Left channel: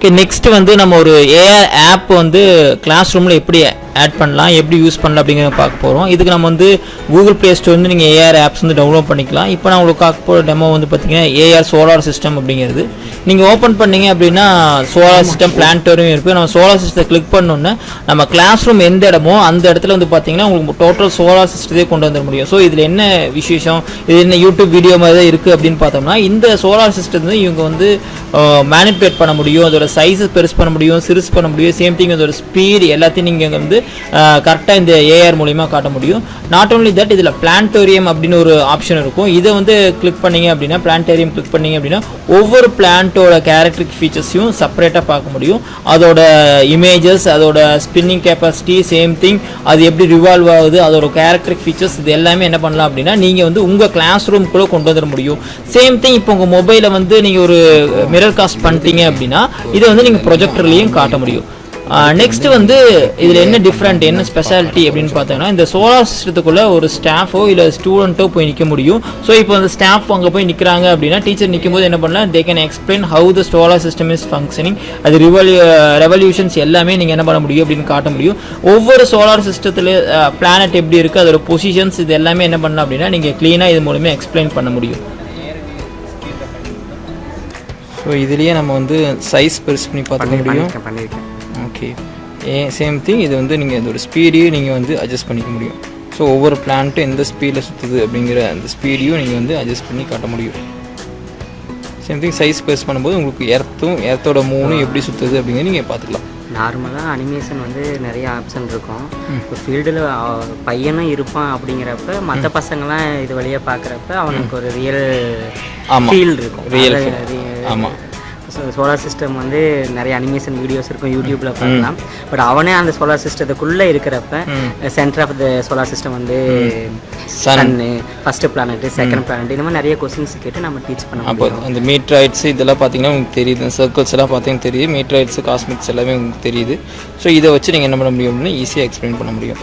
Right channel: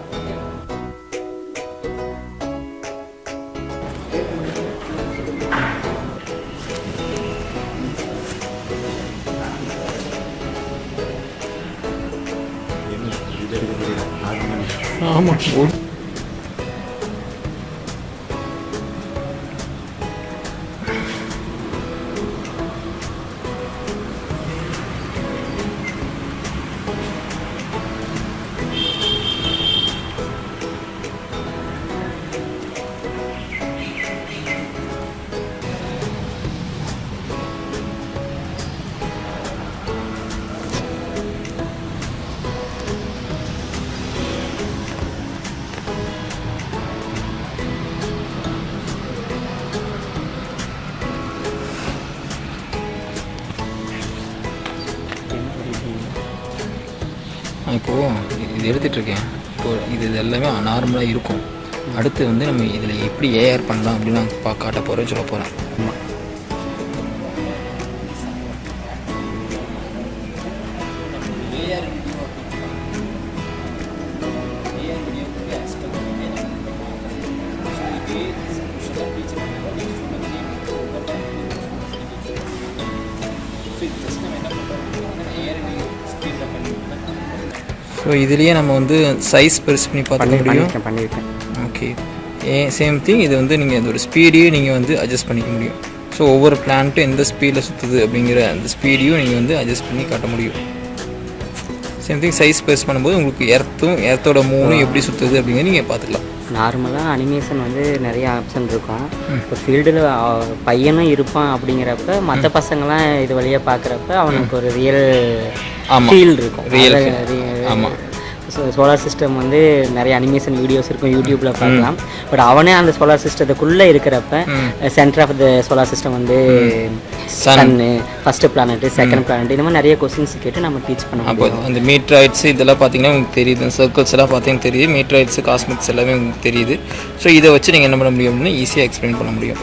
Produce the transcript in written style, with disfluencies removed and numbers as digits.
Okay, next வந்து நம்ம ஒரு ஏஆர் ஆப் வந்து கிளாஸ் ரூமில் எப்படி ஆட் பண்ணலாம், எப்படி யூஸ் பண்ணலாம் அப்படிங்கிறத பார்க்க போகிறோம். இதுக்கு நம்ம வந்து கூகுள் ப்ளே ஸ்டோர் வந்து நீங்கள் ஏஆர் ஆப்ஸ் வந்து டவுன்லோட் பண்ணிக்கலாம். இப்போ நான் உங்களுக்கு பார்க்க போகிற டெமோ வந்து பார்த்தீங்கன்னா ஏஆர் சோலார் சிஸ்டம் அப்படிங்கிறது. நீங்கள் ஓப்பன் பண்ணீங்க அப்படின்னா சோலார் சிஸ்டம் பிளானட்டோரியம் இருக்குது. நம்ம சோலார் சிஸ்டத்தை கிளிக் பண்ணோன்னே நம்ம கிளாஸ் ரூம் எந்த இடமோ அந்த இடத்துல வந்து பார்த்தீங்கன்னா உங்களுக்கு டோட்டல் சோலார் சிஸ்டத்தை கொண்டு வர முடியும். ஸோ இதில் என்ன விசேஷம், இது என்ன யூடியூப் வீடியோ மாதிரி தான் இருக்குது அப்படின்னு பார்த்தோம்னா, இந்த சோலார் சிஸ்டம் வந்து இவங்க வந்து மேனிபுலேட் பண்ண முடியும். அதோட சைஸஸ் பெருசு பண்ண முடியும், சிறுசு பண்ண முடியும். சேம் திங் அதோட ஸ்பீட் எல்லாத்தையும் நீங்கள் வந்து கரெக்டாக இந்த ஏஆர் மூலிமா காட்ட முடியும். நாட் ஓன்லி தட், இதில் பிளானட்டோரியம் அப்படின்னு ஒரு ஆப்ஷன் இருக்கும். இதை வந்து கிளிக் பண்ணீங்க அப்படின்னா, பிளானட்டோரியம் கிளிக் பண்ணீங்க அப்படின்னா ஒவ்வொரு பிளான்ட்டோட கேரக்டரிக் ஃபீச்சர்ஸையும் செப்பரேட்டாக பார்க்க முடியும். அதோட இமேஜஸ், அதோட ஸ்பின்னிங் கெப்பாசிட்டி, சேம் திங் அது எப்படி ரிவால்வ் ஆகுது, அதோட கேரக்டரிக் ஃபீச்சர்ஸ், இது எல்லாமே என்ன பண்ணலாம் அப்படின்னா நீங்கள் வந்து உங்கள் கிளாஸ் ரூம்குள்ளே கொண்டு வந்துட முடியும். சேம் திங் இப்போ உங்கள் மொபைலை வந்து நீங்கள் ஒரு மிரர் காஸ்ட் பண்ணிட்டீங்க அப்படின்னா இதை வந்து நீங்கள் ப்ரொஜெக்டர்லையும் காட்ட முடியும். நெக்ஸ்ட் வந்து இதில் என்ன டிஃப்ரெண்ட், என்ன ஸ்பெஷாலிட்டி அப்படின்னு பார்த்தோம்னா, இந்த சோலார் சிஸ்டத்துக்குள்ள ஒரு ஸ்டாஃபோ இல்லை ஸ்டூடெண்ட்டோ போய் நிற்க முடியும். ஸோ இப்போ அந்த ஸ்டாஃப் அங்கே போய் நிற்கிறாங்க அப்படின்னா டீச்சர் நிற்கும் போது என்ன பண்ணலாம், they can explain how the solar system is functioning, அது ரெவல்யூஷன்ஸ் எல்லாமே நீங்கள் என்ன பண்ண முடியும் அப்படின்னு காட்ட முடியும். ஒவ்வொரு சோலார் சிஸ்டத்தில் பிளானட் எப்படி இருக்குது, அதோட பொசிஷன்ஸ், இது எல்லாமே என்ன பண்ணலாம் அப்படின்னா நீங்கள் க்ளீனாக இது மூலமே எக்ஸ்பிளைன் பண்ண முடியும். ஸோ இதுலேயே நம்ம வந்து சைஸ் பெருசு பண்ணி பார்த்துக்க முடியும். ஓகே, சேம் திங் இது வந்து நீங்கள் இதோட ஸ்பீடையும் நீங்கள் வந்து அட்ஜஸ்ட் பண்ணிக்க முடியும். ஸோ ஒவ்வொரு பிளான்ட்டும் எந்த ஸ்பீடில் சுற்றுது அப்படிங்கிற அந்த ஸ்பீடையும் நீங்கள் வந்து அட்ஜஸ்ட் பண்ணி காட்ட முடியும். சேம் திங் சைஸ் பெருசு பண்ணும்போது உங்களுக்கு எர்த்தோட மூணும் எப்படி சுற்றுது அப்படிங்கிறது நீங்கள் பார்த்துக்கலாம். நார்மலாக அனிமேஷன் வந்து நிறைய ஆப்ஷன் இருக்கும். இப்போ ஃபீல்டில் பையனும் இருப்பான் அப்படிங்கிறப்ப மற்ற பசங்களாம் இது வழியாக பார்க்குறப்ப அவனுக்கு ஒரு ரியல் ஃபீல் இருக்கும். ஆமாம், சோலார் சிஸ்டம் வந்து நிறைய அனிமேஷன் வீடியோஸ் இருக்கும், யூடியூப்பில் பார்க்கலாம். பட் அவனே அந்த சோலார் சிஸ்டத்துக்குள்ளே இருக்கிறப்ப center of the solar system வந்து சன்னு, ஃபர்ஸ்ட் பிளானட், செகண்ட் பிளானட், இந்த மாதிரி நிறைய கொஸ்டின்ஸ் கேட்டு நம்ம டீச் பண்ண முடியும். அந்த மீட்ராய்ட்ஸ் இதெல்லாம் பார்த்தீங்கன்னா உங்களுக்கு தெரியுது, சர்க்கிள்ஸ் எல்லாம் பார்த்தீங்கன்னா தெரியுது, மீட்ராய்ட்ஸ் காஸ்மிக்ஸ் எல்லாமே உங்களுக்கு தெரியுது. ஸோ இதை வச்சு நீங்கள் என்ன பண்ண முடியும் அப்படின்னா ஈஸியாக எக்ஸ்பிளைன் பண்ண முடியும்.